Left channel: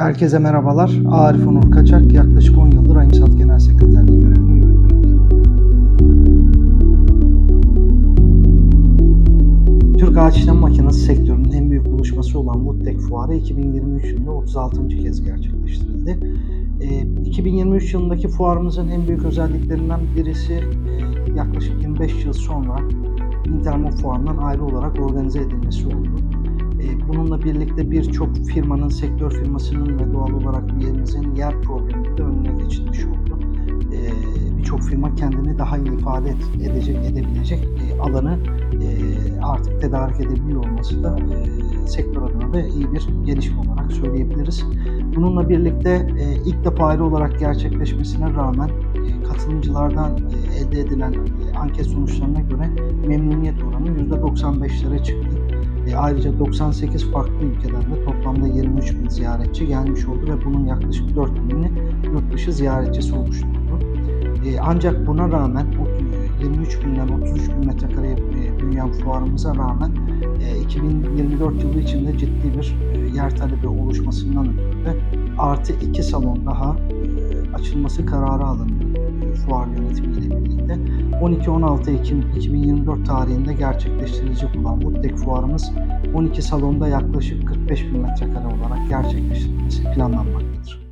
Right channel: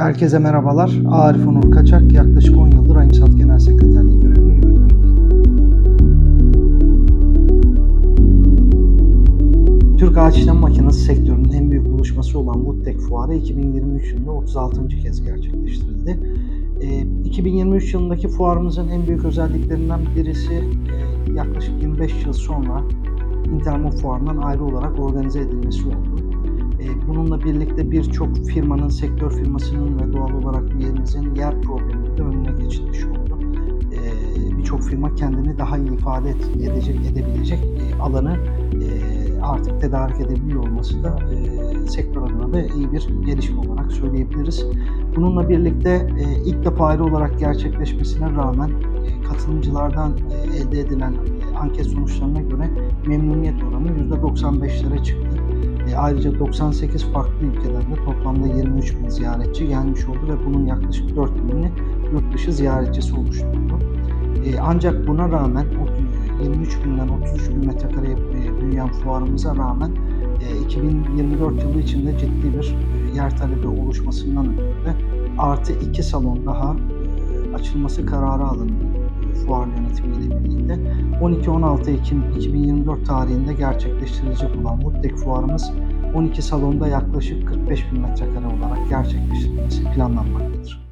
Herkese merhabalar. Arif Onur Kaçak yaklaşık 10 yıldır Ayımsat Genel Sekreterliği görevini yürütmekteyim. Türk Ağaç İşlem Makinesi sektörünün en büyük buluşması olan Woodtech Fuarı 2023 yılında 36. kez gerçekleştirildi. Ee, 2023 yılındaki fuarımızın en büyük özelliklerinden birisi e, yaklaşık 25 yıl sonra Intermop Fuarı'ndan ayrı olarak organize edilmesi oldu. E, Bununla birlikte birçok firmanın, sektör firmasının ve doğal olarak üyemizin yer probleminin de önüne geçilmiş oldu. E, Birçok firma kendini daha iyi ifade edecek, edebilecek e, alanı e, artık tedarik edebiliyor olması da e, sektör adına da iyi bir gelişme olarak söyleyebiliriz. Bununla birlikte ilk defa ayrı olarak gerçekleşmesine rağmen katılımcılardan elde edilen anket sonuçlarına göre memnuniyet oranı %95'lere çıktı. E, ayrıca 98 farklı ülkeden de toplamda 23 bin ziyaretçi gelmiş oldu ve bunun yaklaşık 4 binini yurt dışı ziyaretçisi oluşturdu. E, ancak buna rağmen o- 23 binden 33 bin metrekareye e, büyüyen fuarımıza rağmen e, 2024 yılı içinde ciddi bir e, yer talebi oluşmasından ötürü de artı 2 salon daha e, açılması kararı alındı e, fuar yönetimiyle birlikte. 12-16 Ekim 2024 tarihinde gerçekleştirilecek olan Woodtech fuarımız 12 salonda yaklaşık 45 bin metrekare olarak gerçekleştirilmesi planlanmaktadır.